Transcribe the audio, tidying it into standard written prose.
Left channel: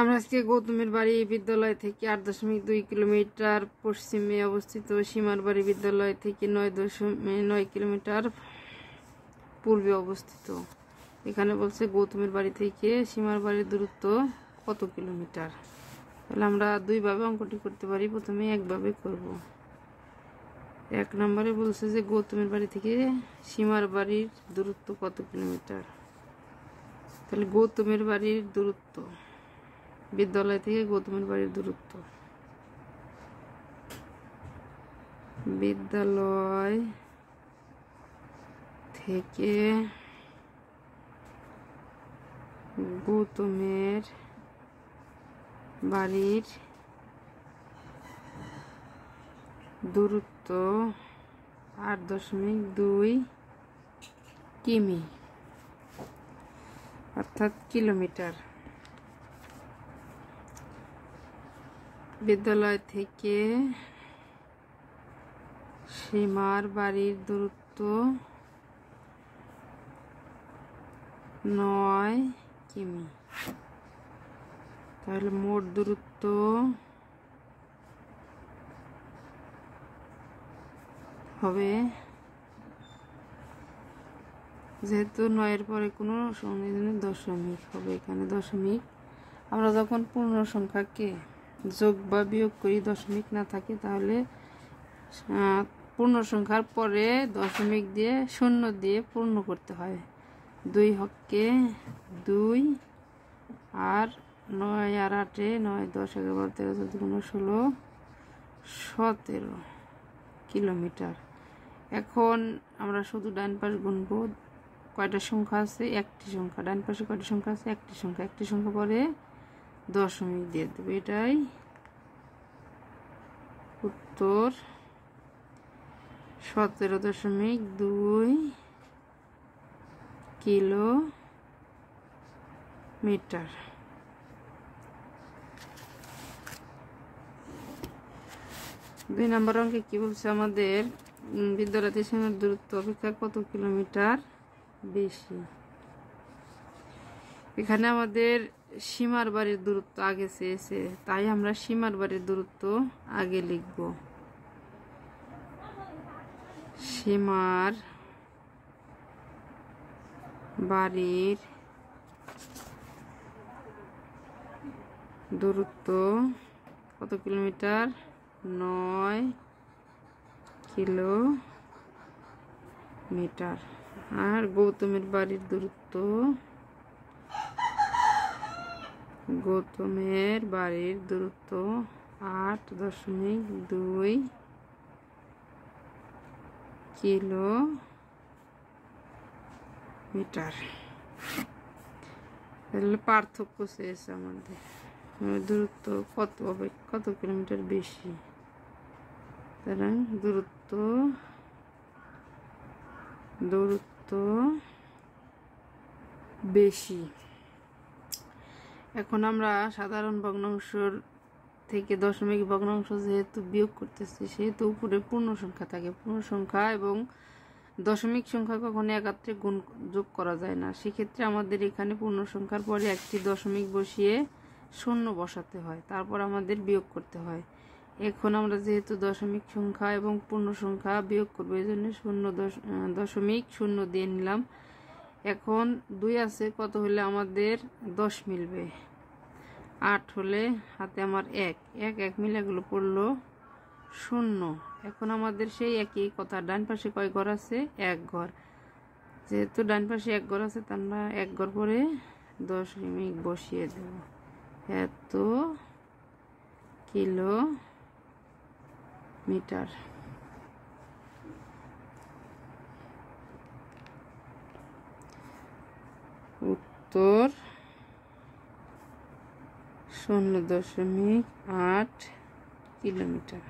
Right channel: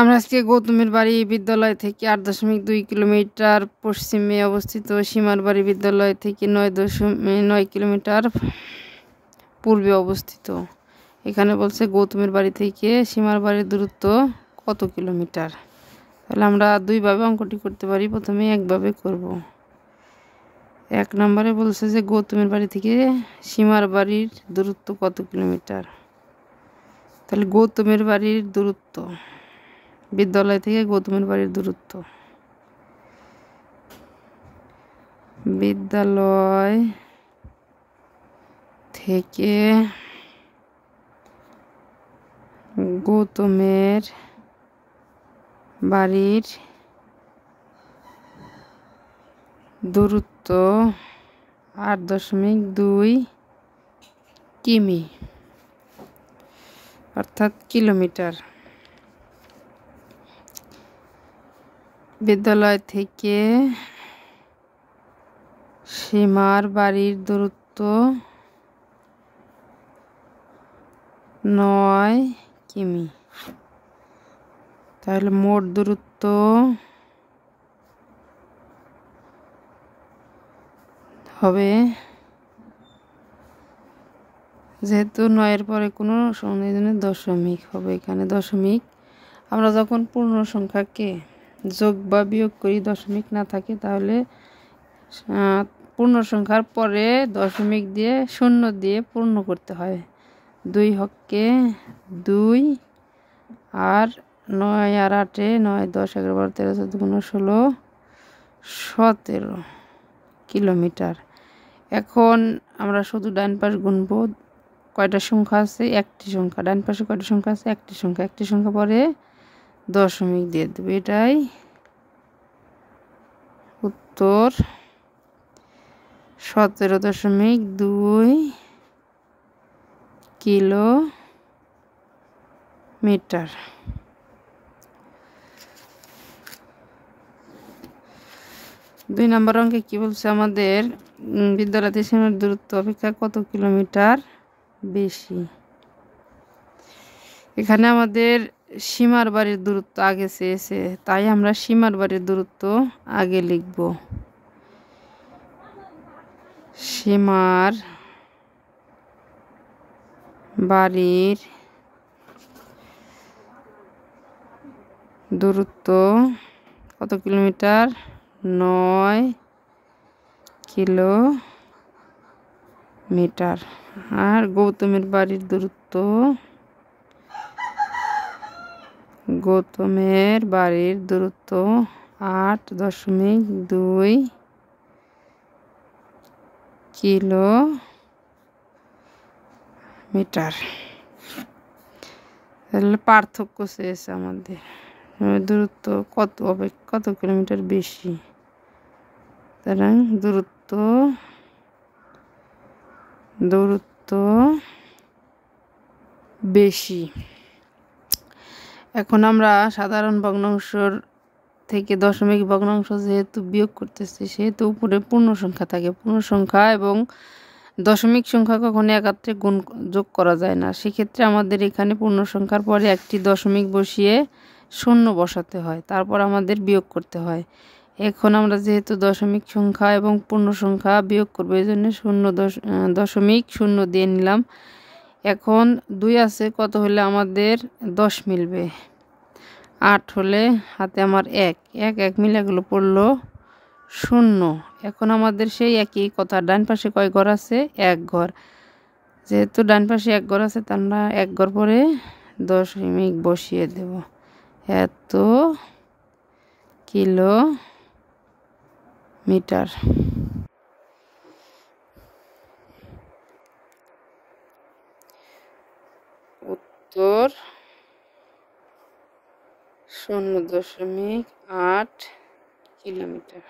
আমরা আজকে গৌতমের বাড়ি বিদ্যালয় থেকে 8.2 কিলোমিটার পশ্চিমে অবস্থিত সীমার বাড়ি বিদ্যালয় থেকে 9.9 কিলোমিটার পূর্বে অবস্থিত। এখানে বলছে গৌতমের বাড়ি থেকে সীমার বাড়ির দূরত্ব কত কিলোমিটার। তাহলে আমরা দুইভাবে অঙ্কটি করতে পারি। প্রথমে একভাবে করব। 1 নম্বরে বলছে যে গৌতমের বাড়ি থেকে সীমার বাড়ির দূরত্ব কত কিলোমিটার। তাহলে গৌতমের বাড়ির দূরত্ব, বিদ্যালয় থেকে গৌতমের বাড়ির দূরত্ব, বিদ্যালয় থেকে গৌতমের বাড়ির দূরত্ব 8.2 কিমি অর্থাৎ কিলোমিটার। বিদ্যালয় থেকে সীমার বাড়ির দূরত্ব 9 কিমি। তাহলে মোট দূরত্ব হবে, যেহেতু 9-এর পরে কোনো সংযোজনের দশমিক হবে, এখানে দশমিক। আমরা যখন পূর্ণ সংখ্যাকে যোগ বা বিয়োগ করি, দশমিক না থাকে, তাহলে পূর্ণ সংখ্যার পরে দশমিক দিয়ে শূন্য দিয়ে পূর্ণ করতে হয়। 2 হকে 2 আর 9 আর 8 9 10 11 12 13 14 15 16 17 কিলোমিটার। এখন আমরা শুধু ডান পাশ গুনব। কয়টা সংখ্যা আছে? একটি সংখ্যা। ডান পাশে কয়টা সংখ্যা আছে? একটি সংখ্যা। একটি সংখ্যা পরে দশমিক দিয়ে দেবে। এটাই উত্তর। 17.2 কিলোমিটার। 2 নম্বর অঙ্কে কি বলছে আমাদের? বিদ্যালয় থেকে সীমার দূরত্ব অপেক্ষা কত কিলোমিটার বেশি। এখানে আমাদের সীমার বাড়ির দূরত্ব আগে চেয়েছে, তাই আমরা সীমার বাড়ির দূরত্ব আগে লিখব। সীমার বাড়ির দূরত্ব কত কিলোমিটার? 9 কিলোমিটার। আর গৌতমের বাড়ির দূরত্ব, গৌতমের বাড়ির দূরত্ব 8.2 কিলোমিটার। তাহলে পার্থক্য চেয়েছে আমাদের, দূরত্ব কত হবে, কত কিলোমিটার বেশি। সুতরাং দূরত্ব বেশি। এখন আমরা সাধারণ ভগ্নাংশের থেকে দশমিক ভগ্নাংশ যেহেতু বিয়োগ করতেছি, সেহেতু উপরে পূর্ণ সংখ্যা থাকে। পূর্ণ সংখ্যা এবং দশমিক সংখ্যা কখনো একাত্রে যোগ করা যায় না। সেক্ষেত্রে আমাদের এখানে পূর্ণ সংখ্যার পরে একটি দশমিক বসিয়ে শূন্য বসাতে হয়, তারপর আমাদের বিয়োগ করতে হয়। এখন আমরা যেহেতু দশমিক সংখ্যা এবং পূর্ণ সংখ্যা বিয়োগ করবো, এই জন্য 0.0 দিয়ে নিলাম। এখন 2 আছে, কত হলে আমাদের 10 মিলবে? 8 হলে হাতে আমার 1 মিলে এগুলো পড়লো 0। এখন আমাদের সেই একই কথা, ডান পাশে কয় ঘর আছে? 1 ঘর। যেহেতু ডান পাশে 1 ঘর আছে, তার আমরা 1 ঘর পরে দশমিক বসিয়ে দেব। এত কিলোমিটার। উত্তর 0.8 কিলোমিটার।